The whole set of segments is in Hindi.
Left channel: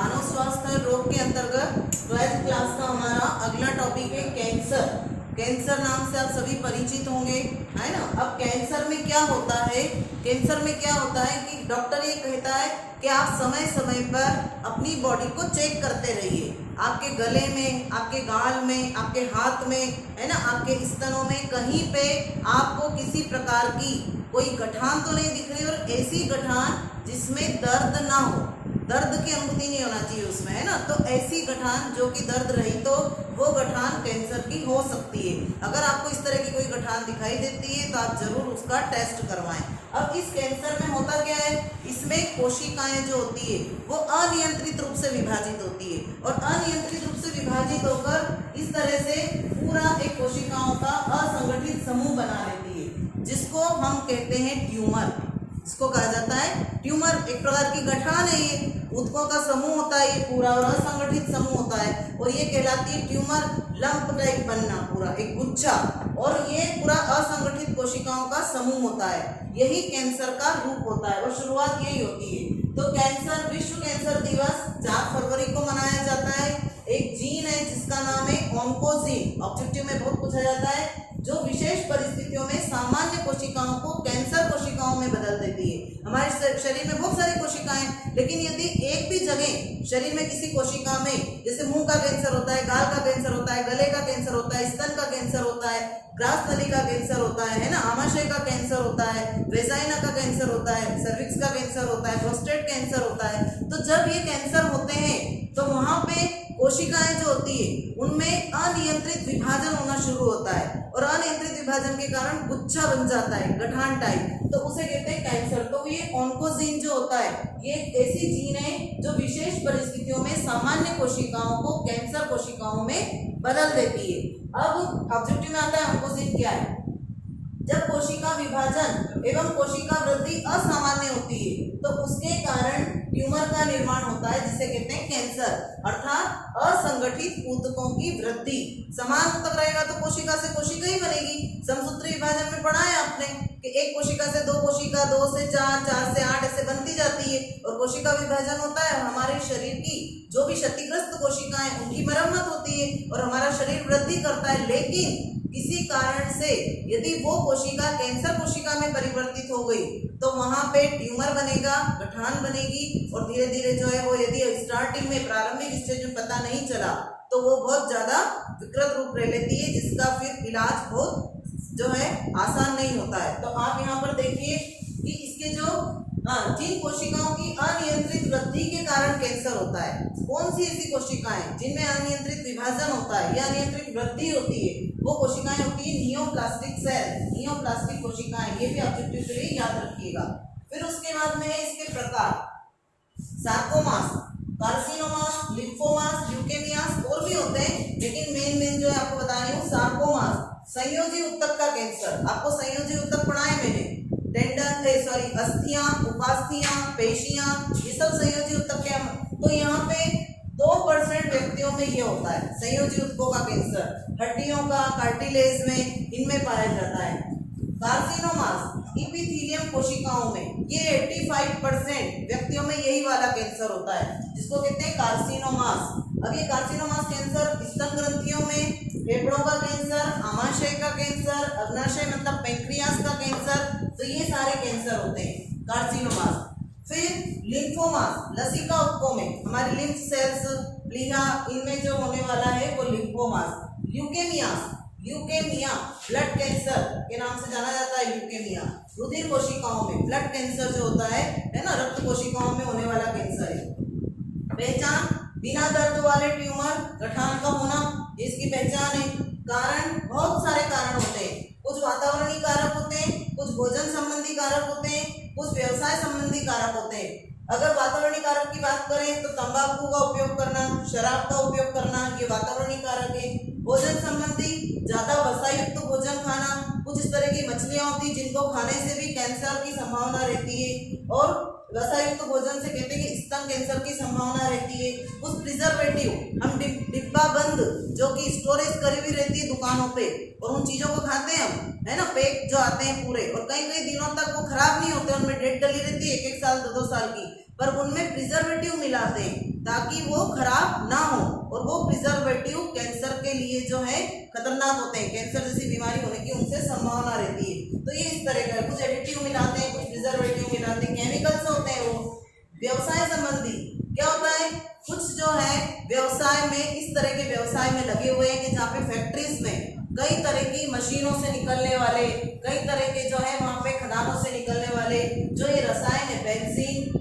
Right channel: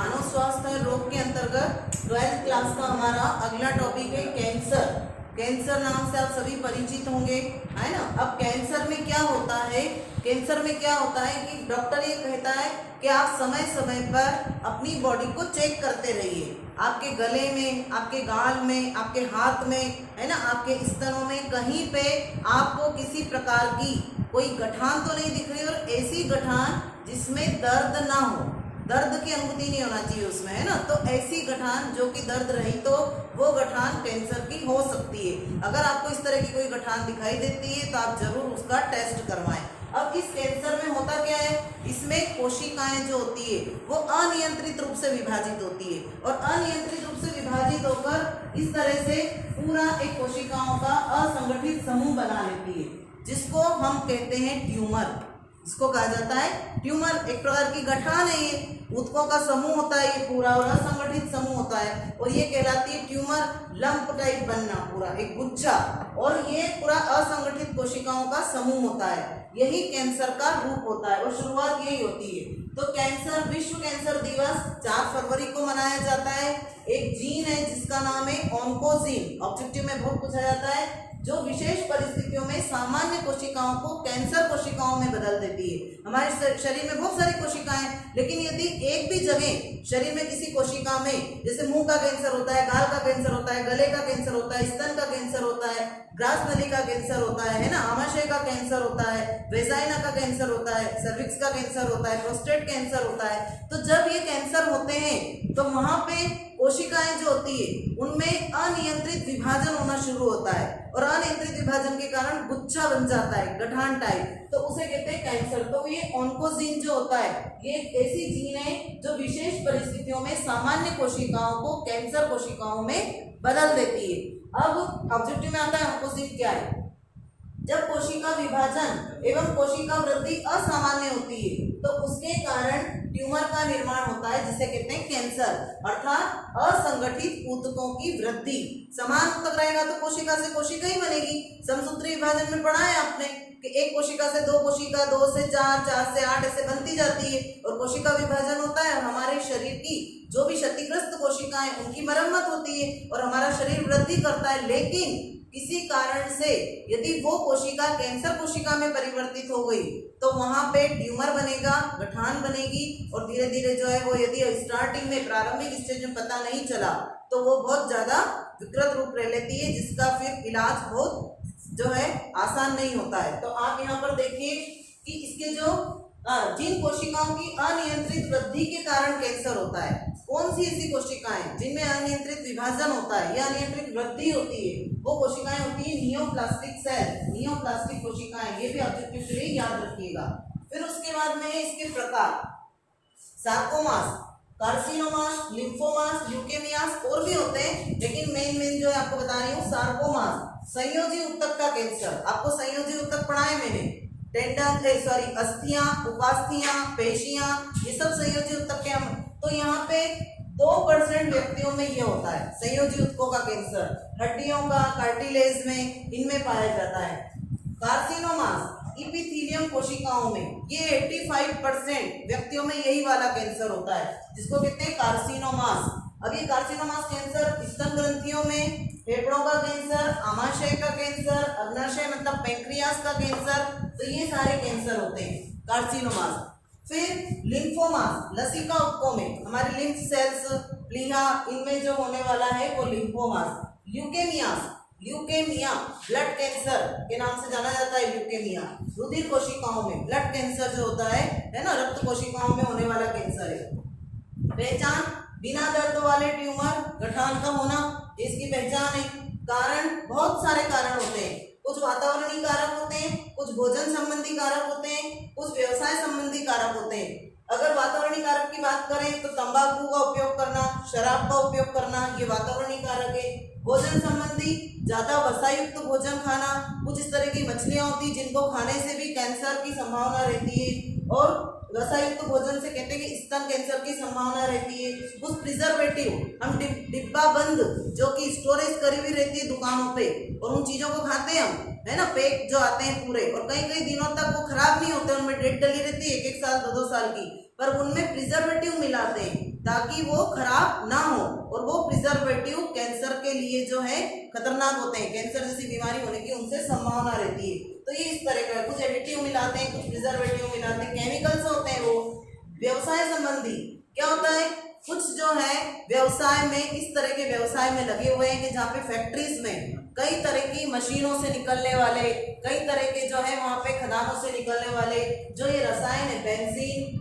मानव स्वास्थ्य और रोग के अंतर्गत 12th क्लास का हमारा अगला टॉपिक है कैंसर। कैंसर नाम से आप सभी परिचित होंगे, है ना। अब कैंसर में क्या होता है, कैंसर में क्या होता है कि डॉक्टर ये कहता है कि आप समय समय पर अपनी बॉडी को चेक करते रहिए। आपके गले में, आपके गाल में, आपके हाथ में, है ना, आपके स्तनों में कहीं पे आपको किसी प्रकार की कोई गठान तो नहीं दिख रही, और ऐसी गठान जिसमें दर्द ना हो, दर्द की अनुभूति नहीं होना चाहिए उसमें, है ना। तो ऐसी गठान जो कि दर्द रही, तो वो गठान कैंसर की हो सकती है। अगर आपको इस तरह की कोई गठान दिखाई देती है तो आप जरूर उसका टेस्ट करवाएं। अब इस कैंसर में होता क्या है, इसमें कोशिकाएं जो होती है वो अनियंत्रित रूप से विभाजित होती है, और अनियंत्रित रूप से विभाजित होकर इस तरह से पूरा एक कोशिकाओं का असंगठित समूह बना लेती है, जिसको हम कहते हैं ट्यूमर। इसको कहा जाता है ट्यूमर। एक प्रकार की गठान है, ये ऊतकों का समूह होता है, ये पूरा और असंगठित समूह होता है, और ये कहलाती है ट्यूमर। लंप टाइप बनना, पूरा एक गुच्छा, और ये पूरा असंगठित कोशिकाओं का समूह होता है। यही कैंसर का रूप होता है और शुरुआत यही होती है। तो कैंसर, विश्व कैंसर दिवस 4 फरवरी को मनाया जाता है। एक जीन है जिसका नाम है ऑन्कोजीन, ऑब्जेक्टिव में बहुत पूछा जाता है, जो विशेष परिस्थितियों में सामान्य कोशिकाओं को कैंसर कोशिकाओं में बदल देती है। हमारे शरीर में बहुत सारी कोशिकाएं, लेकिन यदि एक भी जगह शरीर में किसी कोशिका में, जैसे मुंह का कैंसर होता है, गाल का कैंसर होता है, गले का कैंसर होता है, स्तन का कैंसर होता है, ग्रास नली का कैंसर होता है ना, आमाशय का कैंसर होता है, वेजाइना का कैंसर होता है, सर्विक्स का कैंसर होता है, प्रोस्टेट कैंसर होता है। तो जब ये कैंसर होते हैं तो वहां पे कोशिकाएं जो होती है उनमें अनियंत्रित विभाजन होना शुरू होता है, और अनियंत्रित विभाजन के कारण गुच्छा बन जाता है, गठान टाइप, तो उसे कहते हैं कैंसर। तो ये ऑन्कोजीन जो होता है, ये एक ऐसी जीन है जो विशेष परिस्थितियों में सामान्य कोशिकाओं को कैंसर कोशिकाओं में बदल देती है। अब ऑब्जेक्टिव में आता है ऑन्कोजीन क्या है। जब कोशिका विभाजन एवं कोशिका वृद्धि असामान्य होती है तो उसके कारण ट्यूमर का निर्माण होता है, जिसे कहते हैं कैंसर, अर्थात असंगठित ऊतकों की वृद्धि। समान ऊतक रहेगा तो कोशिका से कोशिका ही बनेगी। समसूत्री विभाजन में पढ़ा है आपने कि एक कोशिका से 2 कोशिका, 2 से 4, 4 से 8 ऐसे बनती जाती है, और कोशिका विभाजन होता है। हमारे शरीर की जो भी क्षतिग्रस्त कोशिकाएं, उनकी मरम्मत होती है और हमारा शरीर वृद्धि करता है। लेकिन किसी कारण से यदि वो कोशिका कैंसर कोशिका में परिवर्तित हो गई तो वहां पे ट्यूमर बनेगा, गठान बनेगी, और धीरे धीरे जो है वो, यदि स्टार्टिंग में, प्रारंभिक स्टेज में पता नहीं चला तो वो बहुत ज्यादा विकृत रूप ले लेती है, जिसका फिर इलाज बहुत जो है आसान नहीं होता है। तो आप यहाँ पर देखिए कि इसके जो जिन कोशिकाओं की अनियंत्रित वृद्धि के कारण कैंसर होता है, कौन सी ऐसी कोशिकाएं जिनमें अनियंत्रित विभाजन होता है या अनियंत्रित वृद्धि होती है, वो कोशिकाएं होती है नियोप्लास्टिक सेल, नियोप्लास्टिक कोशिकाएं। ये भी ऑब्जेक्टिव के लिए याद रखिएगा। फिर उसके बाद में इसके प्रकार, सार्कोमास, कार्सिनोमास, लिम्फोमास, ल्यूकेमियास, और भी होते हैं, लेकिन मेन जो है आपको बता रही हूँ सार्कोमास, संयोजी ऊतक का कैंसर। आपको संयोजी ऊतक पढ़ाए मैंने, टेंडन, अस्थियां, उपास्थियां, पेशियां, ये सब संयोजी ऊतक के। तो यहाँ पे 2% व्यक्तियों में ये होता है संयोजी ऊतकों का कैंसर। हड्डियों का, कार्टिलेज में, इनमें पाया जाता है। कार्सिनोमास, इपिथेलियम कोशिकाओं में, ये 85% व्यक्तियों में यही वाला कैंसर होता है, जिसको कहते हैं कार्सिनोमास। अब ये कार्सिनोमास कैंसर स्तन ग्रंथियों में, फेफड़ों का कैंसर, आमाशय का कैंसर, अग्नाशय मतलब पैंक्रियास का कैंसर, तो ये सारे कैंसर होते हैं कार्सिनोमास। फिर लिम्फोमास, लसिका ऊतकों में, हमारे लिम्फ सेल्स, प्लीहा, इनमें जो होने वाला है वो lymphomas. Leukaemias, leukaemia blood cancer के नाम से जाना जाता है। ल्यूकेमिया रुधिर कोशिकाओं में, ब्लड कैंसर जो होता है ना, रक्त कोशिकाओं में होने वाला कैंसर है। पहचान, बिना दर्द वाले ट्यूमर, गठान का होना, इसकी पहचान है। कारण, बहुत सारे कारण होते हैं, कुछ वातावरणीय कारक होते हैं, कुछ भोजन संबंधी कारक होते हैं, कुछ व्यवसाय संबंधी कारक होते हैं। अगर वातावरणीय कारक की बात करें तो तंबाकू का उपयोग करना, शराब का उपयोग करना, ये वातावरणीय कारक है। भोजन संबंधी, ज्यादा वसायुक्त भोजन खाना, कुछ इस तरह की मछलियां होती जिनको खाने से भी कैंसर की संभावना रहती है, और वसायुक्त भोजन से कहते हैं कि स्तन कैंसर की संभावना रहती है। कुछ प्रिजर्वेटिव, हम डिब्बा बंद जो कि स्टोरेज करी हुई रहती है दुकानों पे, और उन चीजों को खाते हैं हम, है ना, पैक जो आते हैं पूरे, और कई कई दिनों तक वो खराब नहीं होते, उनमें डेट डली रहती है, 1-1 साल 2-2 साल की, पर उनमें प्रिजर्वेटिव मिलाते हैं ताकि वो खराब ना हो, और वो प्रिजर्वेटिव कैंसर के लिए जो है खतरनाक होते हैं, कैंसर जैसी बीमारी होने की उनसे संभावना रहती है। तो ये इस तरह का कुछ एडिटिव मिलाते हैं, कुछ प्रिजर्वेटिव मिलाते हैं, केमिकल्स होते हैं। वो व्यवसाय संबंधी क्या होता है, कुछ जो है व्यवसाय में इस तरह के व्यवसाय में लगे हुए हैं कि जहाँ पे फैक्ट्रीज में कई तरह की मशीनों से निकलने वाले, कई तरह के जो है वहाँ पे खदानों से निकलने वाले जो ये रसायन है, बेंजीन,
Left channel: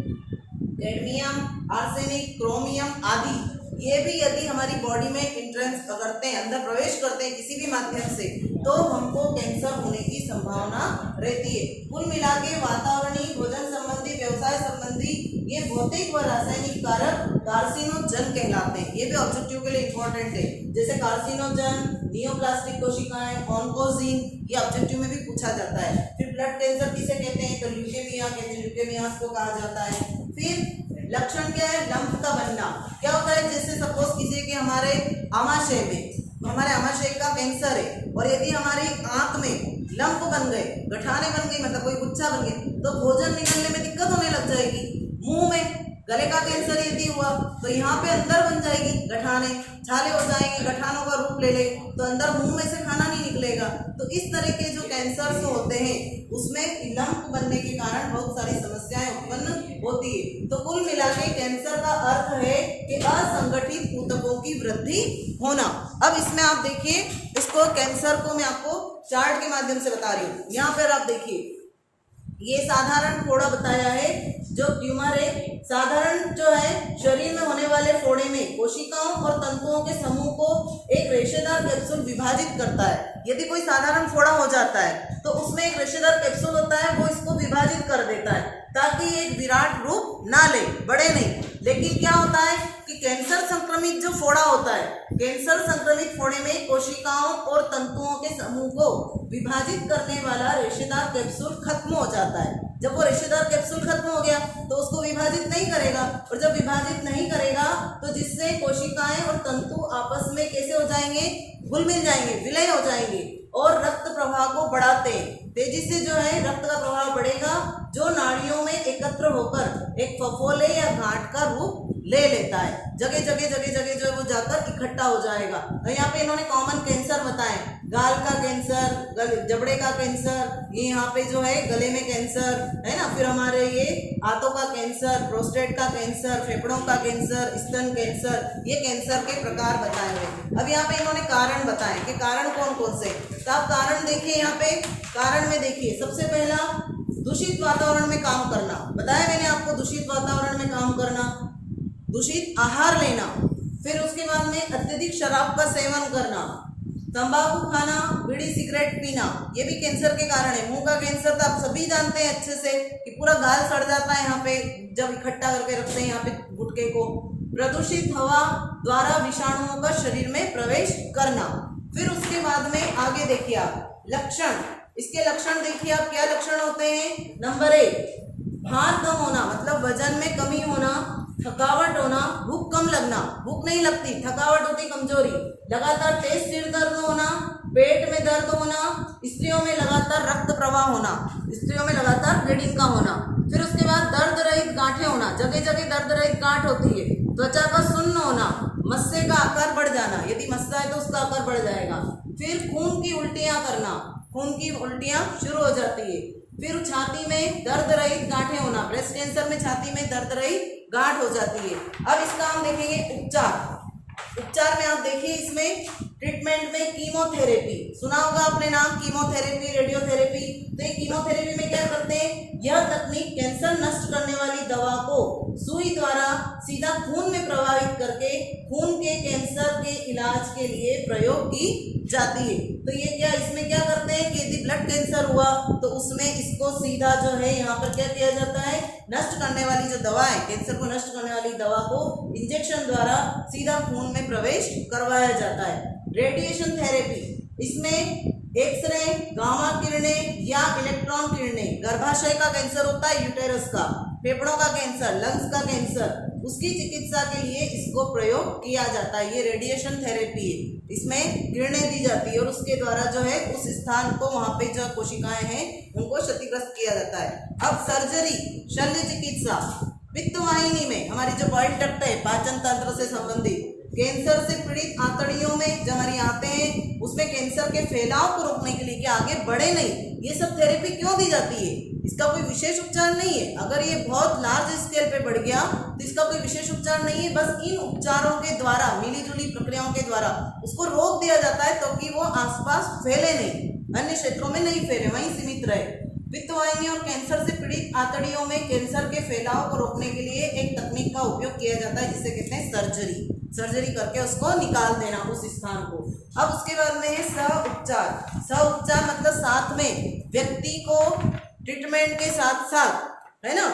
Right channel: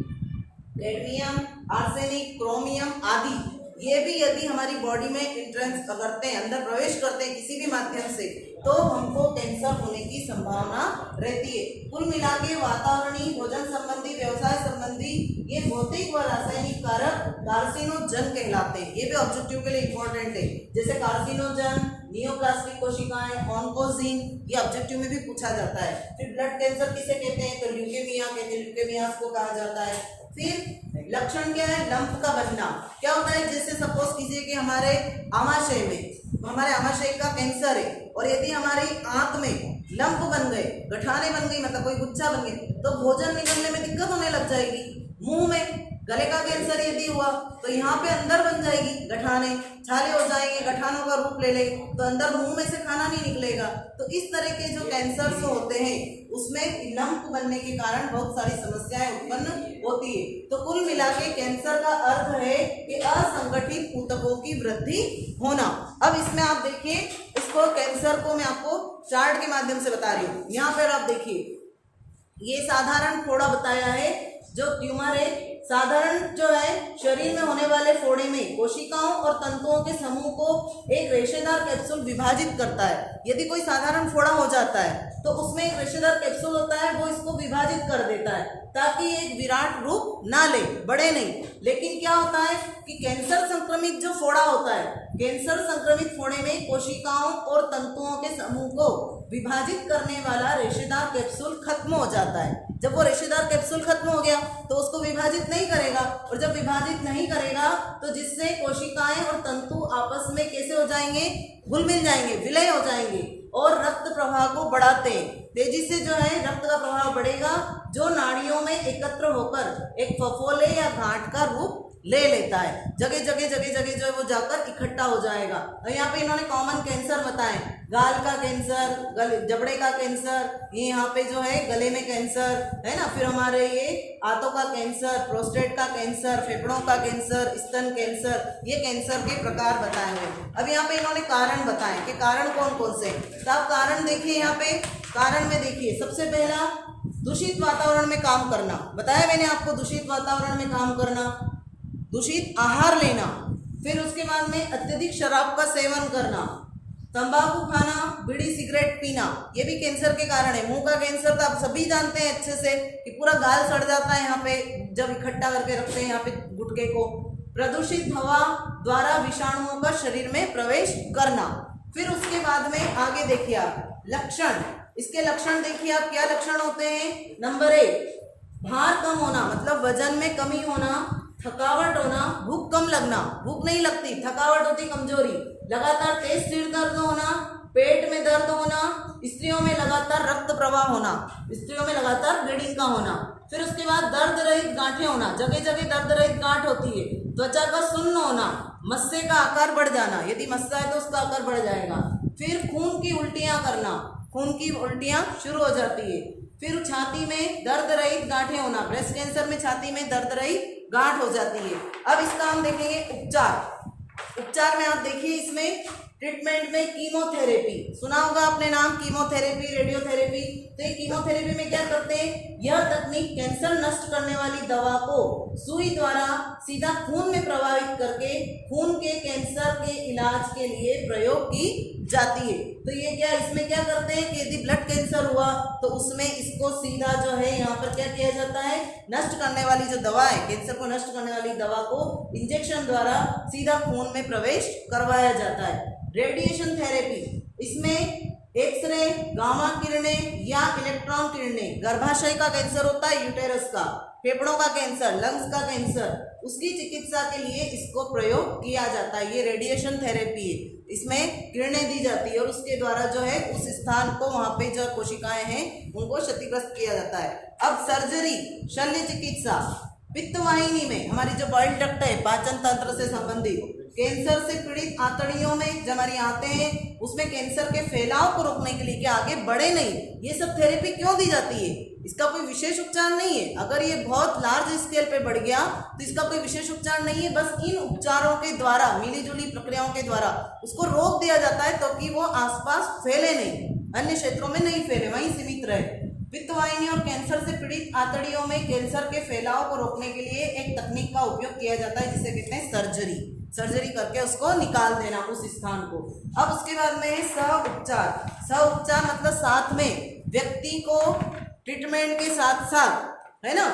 कैडमियम, आर्सेनिक, क्रोमियम आदि, ये भी यदि हमारी बॉडी में इंट्रेंस करते हैं, अंदर प्रवेश करते हैं किसी भी माध्यम से, तो हमको कैंसर होने की संभावना रहती है। कुल मिला के वातावरणीय, भोजन संबंधी, व्यवसाय संबंधी ये भौतिक व रासायनिक कारक कार्सिनोजन कहलाते हैं। ये भी ऑब्जेक्टिव के लिए इंपॉर्टेंट है, जैसे कार्सिनोजन, नियोप्लास्टिक कोशिकाएं, ऑन्कोजीन, ये ऑब्जेक्टिव में भी पूछा जाता है। फिर ब्लड कैंसर किसे कहते हैं, तो ल्यूकेमिया कहते हैं, ल्यूकेमियास को कहा जाता है। फिर लक्षण क्या है, लंप का बनना। क्या होता है, जैसे सपोज कीजिए कि हमारे आमाशय में, हमारे आमाशय का कैंसर है और यदि हमारी आंख में लंप बन गए, गठाने बन गई, मतलब कोई गुच्छा बन गई, तो भोजन निकलने में दिक्कत होने लग जाएगी। मुंह में गले का कैंसर यदि हुआ तो यहाँ पे अंदर बन जाएगी गठाने, छाले हो जाएंगे, गठानों का रूप ले ले, तो अंदर मुंह में से खाना नहीं निकलेगा। तो इस तरह के जो कैंसर होते हैं उसमें लंप बनने के कारण बहुत सारी समस्याएं उत्पन्न होती है। तो कुल मिला के कैंसर का अर्थ है कि असंगठित ऊतकों की वृद्धि होना। अब इसमें आप देखिए, इसको कैंसर को मैं आपको चार्ट के माध्यम से बता रही हूँ। यहाँ पर आप देखिए, ये साधारण फोड़ा बताया है, जो ट्यूमर है साधारण जो है शरीर में होने वाले फोड़े में कोशिकाओं और तंतुओं के समूह को एक रेशेदार कैप्सूल विभाजित करता है। यदि कोई साधारण फोड़ा हो जाता है तो उसमें एक रेशेदार कैप्सूल होता है, वो इसको विभाजित कर देता है ताकि एक विराट रूप ना ले, बड़े नहीं। लेकिन क्या होता है कि कैंसर संक्रमित जो फोड़ा होता है, कैंसर संक्रमित फोड़े में कोशिकाओं और तंतुओं के समूह को विभाजित करने वाला रेशेदार कैप्सूल खत्म हो जाता है। जब वो रेशेदार कैप्सूल खत्म हो गया तो उसको विभाजित नहीं करेगा, और जब विभाजित नहीं करेगा तो जिससे कोशिकाएं और तंतु आपस में कैसे हो जाएंगे, घुल मिल जाएंगे, विलय हो जाएंगे और रक्त प्रवाह को बढ़ाते हैं। तेजी से जो है रक्त का प्रवाह बढ़ेगा, जो नाड़ियों में एकत्र होकर एक फफोले या गांठ का रूप ले लेता है। जगह जगह जो है वो जाकर इकट्ठा हो जाएगा। और यहाँ पे इन्होंने कॉमन कैंसर बताए, गाल का कैंसर, जबड़े का कैंसर, ये यहाँ पे जो है गले में कैंसर है ना, फिर हमारे ये आंतों का कैंसर, प्रोस्टेट का कैंसर, फेफड़ों का कैंसर, स्तन कैंसर, ये कैंसर के प्रकार बताए हुए। अब यहाँ पे इन्होंने कारण बताए कि कारण कौन कौन से, तो आप कारण देखिए। यहाँ पे कारण में देखिए, सबसे पहला दूषित वातावरण में काम करना, बताया मैंने आपको, दूषित वातावरण में काम करना, दूषित आहार लेना, फिर उसके बाद में अत्यधिक शराब का सेवन करना, तंबाकू खाना, बीड़ी सिगरेट पीना, ये भी कैंसर के कारण है। मुंह का कैंसर तो आप सभी जानते हैं अच्छे से कि पूरा गाल सड़ जाता है यहाँ पे जब इकट्ठा करके रखते हैं यहाँ पे गुटके को। प्रदूषित हवा द्वारा विषाणुओं का शरीर में प्रवेश करना। फिर उसके बाद में आगे देखिए आप लक्षण, इसके लक्षण देखिए आप, क्या लक्षण होते हैं। नंबर 1, भार कम होना, मतलब वजन में कमी होना, थकावट होना, भूख कम लगना, भूख नहीं लगती, थकावट होती, कमजोरी, लगातार तेज सिर दर्द होना, पेट में दर्द होना, स्त्रियों में लगातार रक्त प्रवाह होना, स्त्रियों में लगातार ब्लीडिंग का होना। फिर उसके बाद दर्द रहित गांठें होना, जगह जगह दर्द रहित गांठ होती है। त्वचा का सुन्न होना, मस्से का आकार बढ़ जाना, यदि मस्सा है तो उसका आकार बढ़ जाएगा। फिर खून की उल्टियां करना, खून की उल्टियां शुरू हो जाती है। फिर छाती में दर्द रहित गांठें होना, ब्रेस्ट कैंसर में छाती में दर्द रहित गांठ हो जाती है। अब इसका हम देखेंगे उपचार। उपचार में आप देखिए, इसमें ट्रीटमेंट में कीमोथेरेपी, सुना होगा आपने नाम, कीमोथेरेपी, रेडियोथेरेपी। तो ये कीमोथेरेपी में क्या करते हैं, यह तकनीक कैंसर नष्ट करने वाली दवा को सुई द्वारा सीधा खून में प्रवाहित करके खून के कैंसर के इलाज के लिए प्रयोग की जाती है। तो ये क्या, इसमें क्या करते हैं कि यदि ब्लड कैंसर हुआ तो उसमें इसको सीधा जो है यहाँ पर क्या किया जाता है, नष्ट करने वाली जो दवा है, कैंसर को नष्ट करने वाली दवा को इंजेक्शन द्वारा सीधा खून में प्रवेश करवाया जाता है। रेडिएशन थेरेपी, इसमें एक्सरे, गामा किरणें या इलेक्ट्रॉन किरणें, गर्भाशय का कैंसर होता है, यूटेरस का, फेफड़ों का कैंसर, लंग्स का कैंसर, उसकी चिकित्सा के लिए इसको प्रयोग किया जाता है। ये रेडिएशन थेरेपी है, इसमें किरणें दी जाती है और उसके द्वारा जो है उस स्थान को, वहाँ पे जो कोशिकाएं हैं उनको क्षतिग्रस्त किया जाता है। अब सर्जरी, शल्य चिकित्सा, पित्तवाहिनी में हमारी जो बॉइल डक्ट है पाचन तंत्र से संबंधित, कैंसर से पीड़ित आंतड़ियों में जब हमारी आते हैं उसमें कैंसर के फैलाव को रोकने के लिए कि आगे बढ़े नहीं, ये सब थेरेपी क्यों दी जाती है? इसका कोई विशेष उपचार नहीं है। अगर ये बहुत लार्ज स्केल पे बढ़ गया तो इसका कोई विशेष उपचार नहीं है, बस इन उपचारों के द्वारा, मिली जुली प्रक्रियाओं के द्वारा उसको रोक दिया जाता है ताकि वो आसपास फैले नहीं, अन्य क्षेत्रों में नहीं फैले, वहीं सीमित रहे। पित्तवाहिनी और कैंसर से पीड़ित आंतड़ियों में कैंसर के फैलाव को रोकने के लिए एक तकनीक का उपयोग किया जाता है जिसे कहते हैं सर्जरी। सर्जरी करके उसको निकाल देना उस स्थान को। अब उसके बाद में है सह उपचार। सह उपचार मतलब साथ में व्यक्ति को ट्रीटमेंट के साथ साथ, है ना,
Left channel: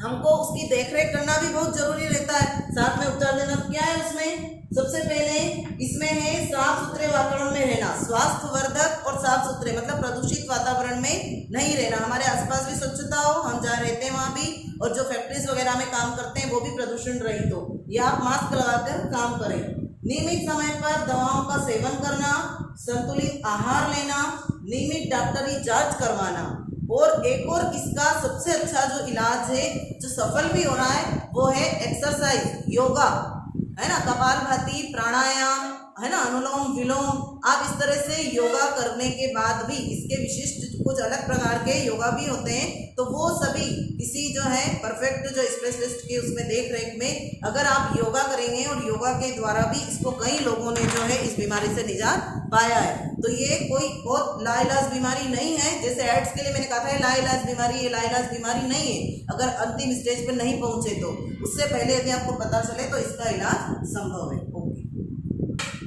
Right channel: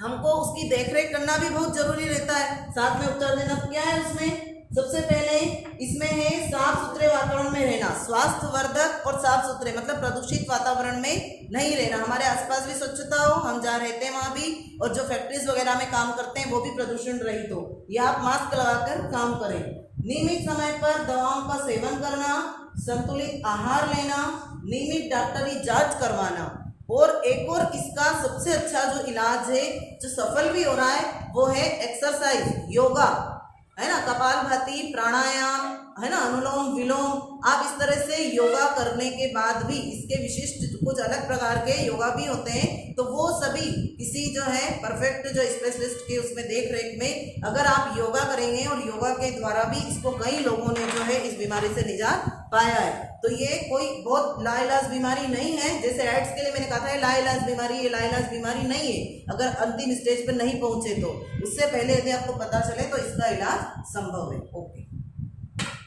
हमको उसकी देखरेख करना भी बहुत जरूरी रहता है, साथ में उपचार देना। क्या है उसमें? सबसे पहले इसमें है साफ सुथरे वातावरण में रहना, स्वास्थ्यवर्धक और साफ सुथरे मतलब प्रदूषित वातावरण में नहीं रहना, हमारे आसपास भी स्वच्छता हो, हम जहाँ रहते हैं वहाँ भी, और जो फैक्ट्रीज वगैरह में काम करते हैं वो भी प्रदूषण रहित हो, या आप मास्क लगाकर काम करें। नियमित समय पर दवाओं का सेवन करना, संतुलित आहार लेना, नियमित डॉक्टरी जांच करवाना, और एक और इसका सबसे अच्छा जो इलाज है जो सफल भी हो रहा है वो है एक्सरसाइज, योगा, है ना, कपालभाति, प्राणायाम, है ना, अनुलोम विलोम। आप इस तरह से योगा करने के बाद भी इसके विशिष्ट कुछ अलग प्रकार के योगा भी होते हैं, तो वो सभी किसी जो है परफेक्ट जो स्पेशलिस्ट के उसमें देख रेख में अगर आप योगा करेंगे, और योगा के द्वारा भी इसको कई लोगों ने जो है इस बीमारी से निजात पाया है। तो ये कोई बहुत लाइलाज बीमारी नहीं है, जैसे एड्स के लिए मैंने कहा था लाइलाज बीमारी, ये लाइलाज बीमारी नहीं है। अगर अंतिम स्टेज पर नहीं पहुंचे तो उससे पहले यदि आपको पता चले तो इसका इलाज संभव है।